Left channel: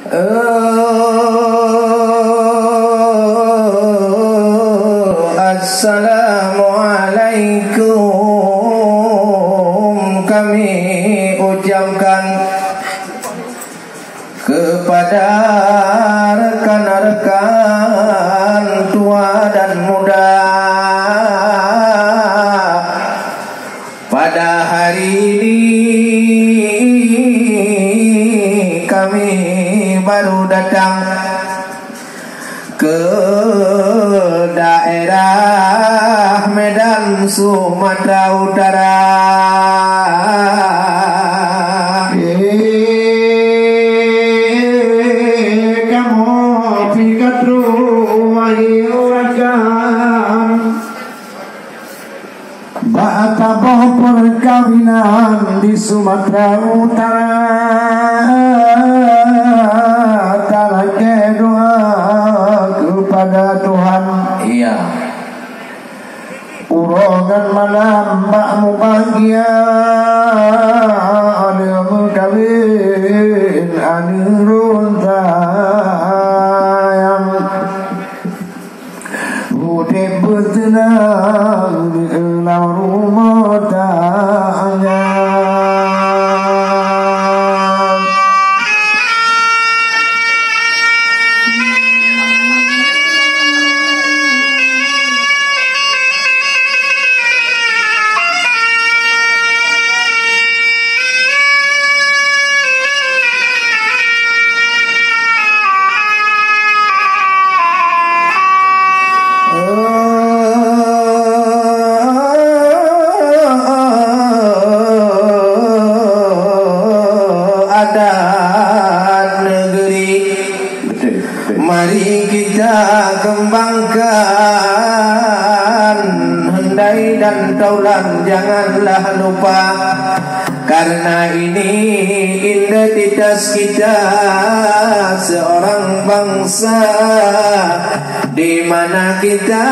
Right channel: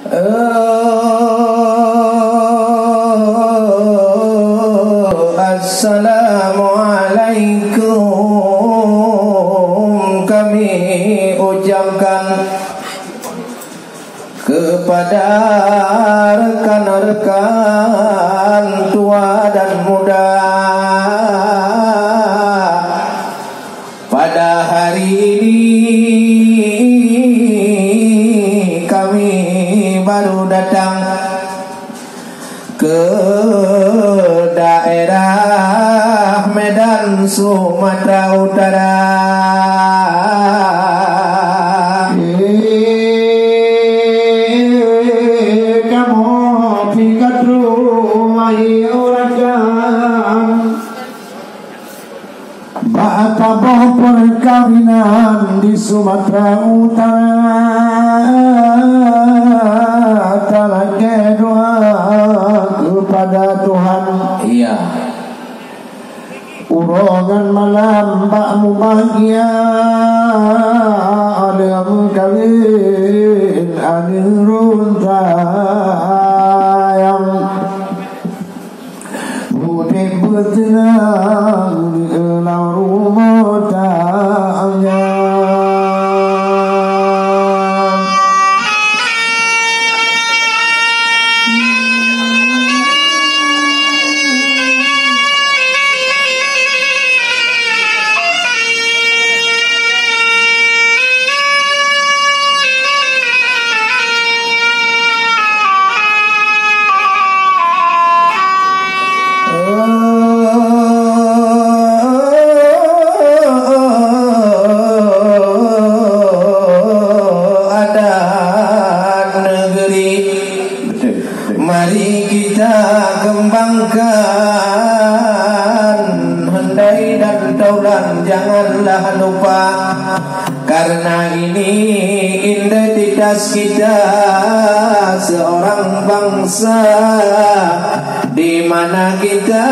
Assalamualaikum kami ucapkan kepada rekan-rekan tua dan muda pada hari ini kami baru datang ke daerah Medan, Sumatera Utara. Kamu pikat rumah iurakan bataboh perkawinan di Sumatera Utara. Tanah doa kepada Tuhan. Iya. Urongan malam bakmu bahagia, adamu kawin anirun sayang, budi bertenang di dalam rumah tangga. Mari kita kembangkan handai dan taulan, janganlah lupa, karena ini identitas kita seorang bangsa, di mana kita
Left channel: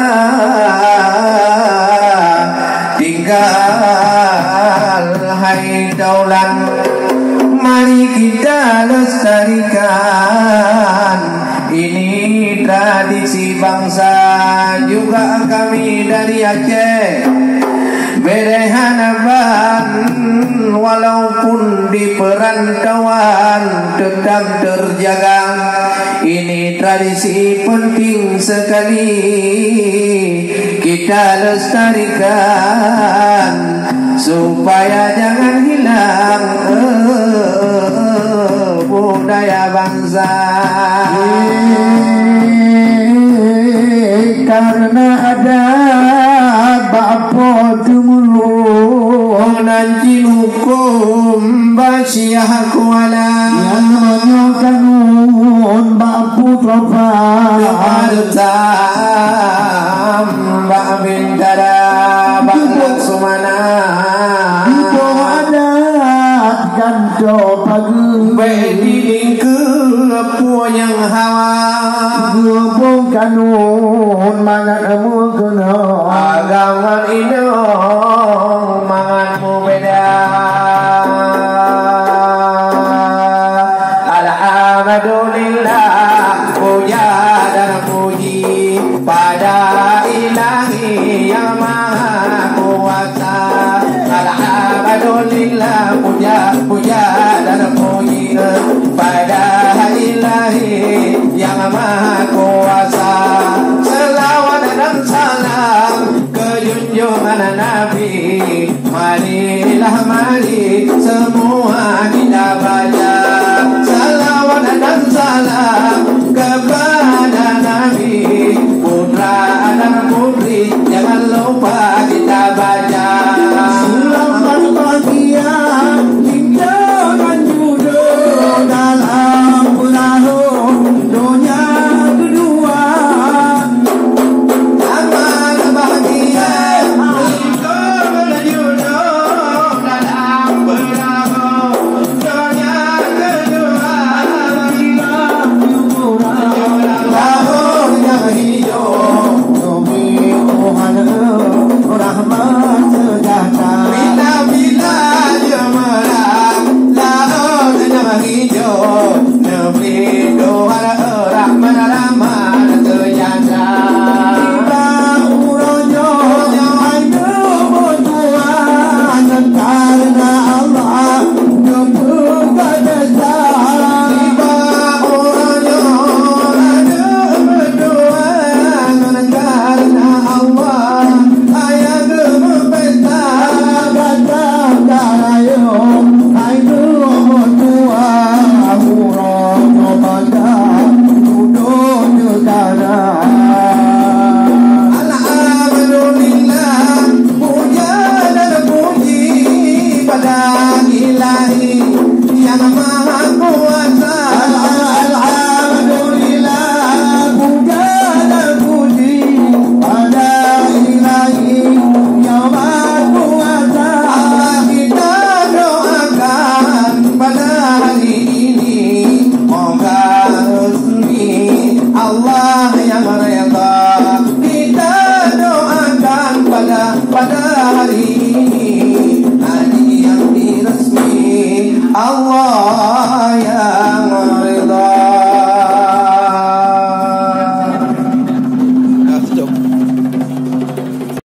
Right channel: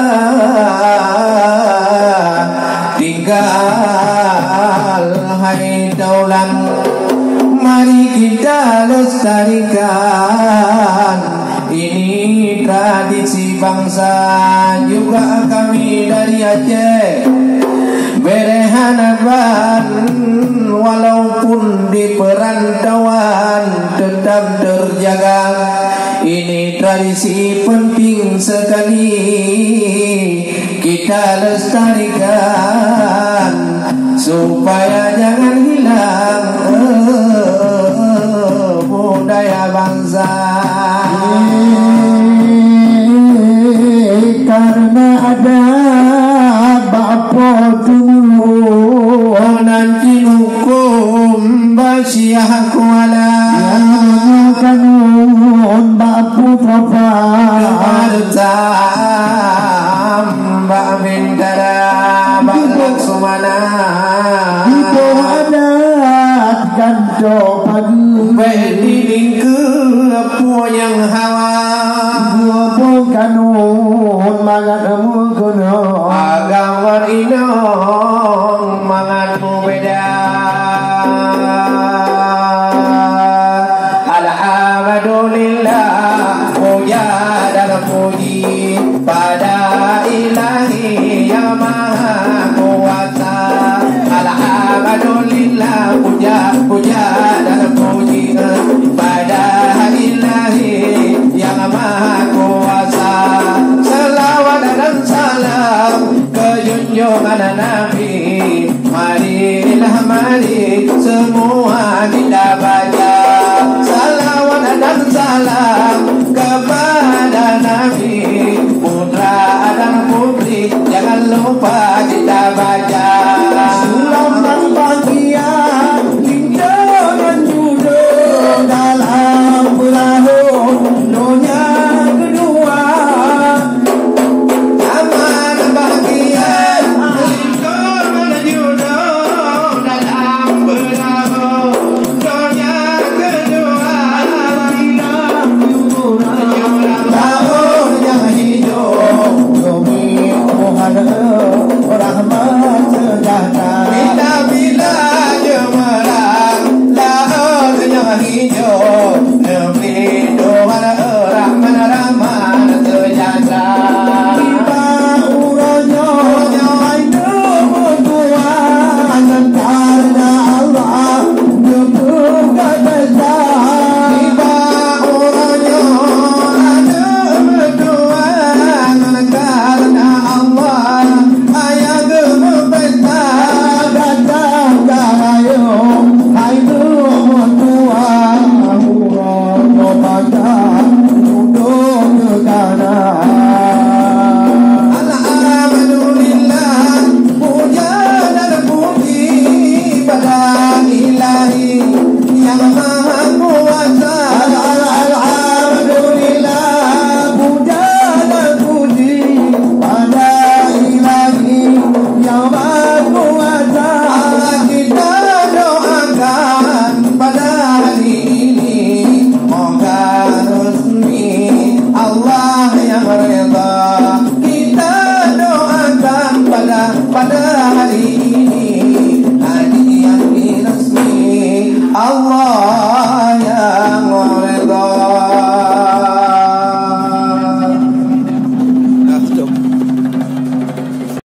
tinggal. Hai taulan, mari kita lestarikan ini tradisi bangsa. Juga kami dari Aceh Berehanaban, walaupun di perantauan tetap terjaga. Ini tradisi penting sekali kita lestarikan supaya jangan hilang budaya bangsa. Karena ada bapa dulu nanti hukum basiah kuala yang menyukan bapu topa hartam mbak bintara mbak sumana ibu adat kanto pagi beding ke yang hawa bukan mangat kamu kuno agama ino mangatmu beda. Alhamdulillah puja